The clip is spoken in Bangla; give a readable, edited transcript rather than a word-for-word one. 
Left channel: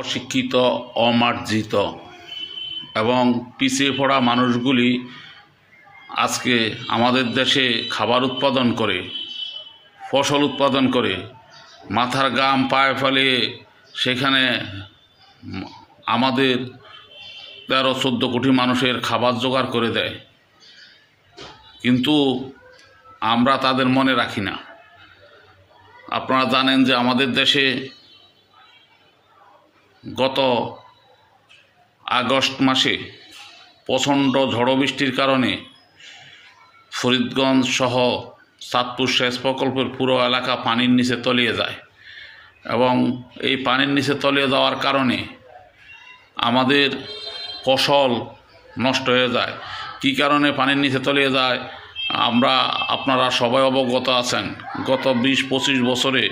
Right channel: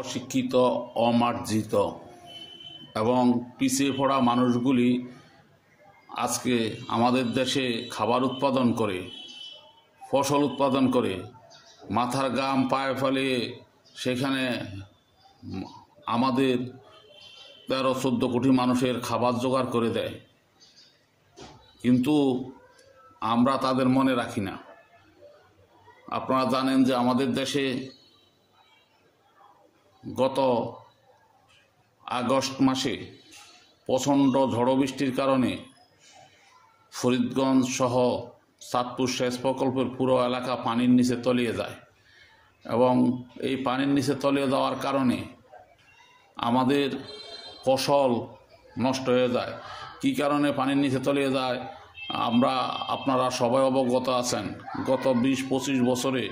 অশিক্ষিত, অমার্জিত এবং পিছিয়ে পড়া মানুষগুলি আজকে আমাদের দেশে খাবার উৎপাদন করে, ফসল উৎপাদন করে, মাথার ঘাম পায়ে ফেলে সেখানে আমাদের 13-14 কোটি মানুষের খাবার জোগাড় করে দেয়, কিন্তু আমরা তাদের মনে রাখি না। আপনারা জানেন যে আমাদের দেশে গত আগস্ট মাসে প্রচণ্ড ঝড় বৃষ্টির কারণে ফরিদগঞ্জ সহ চাঁদপুর সেচ প্রকল্পের পুরো এলাকা পানির নিচে তলিয়ে যায় এবং এই পানির নিচে তলিয়ে যাওয়ার কারণে আমাদের ফসল নষ্ট হয়ে যায়। কী কারণে পানির নিচে তলিয়ে যায় আপনারা সবাই অবগত আছেন। গত 20-25 বছরে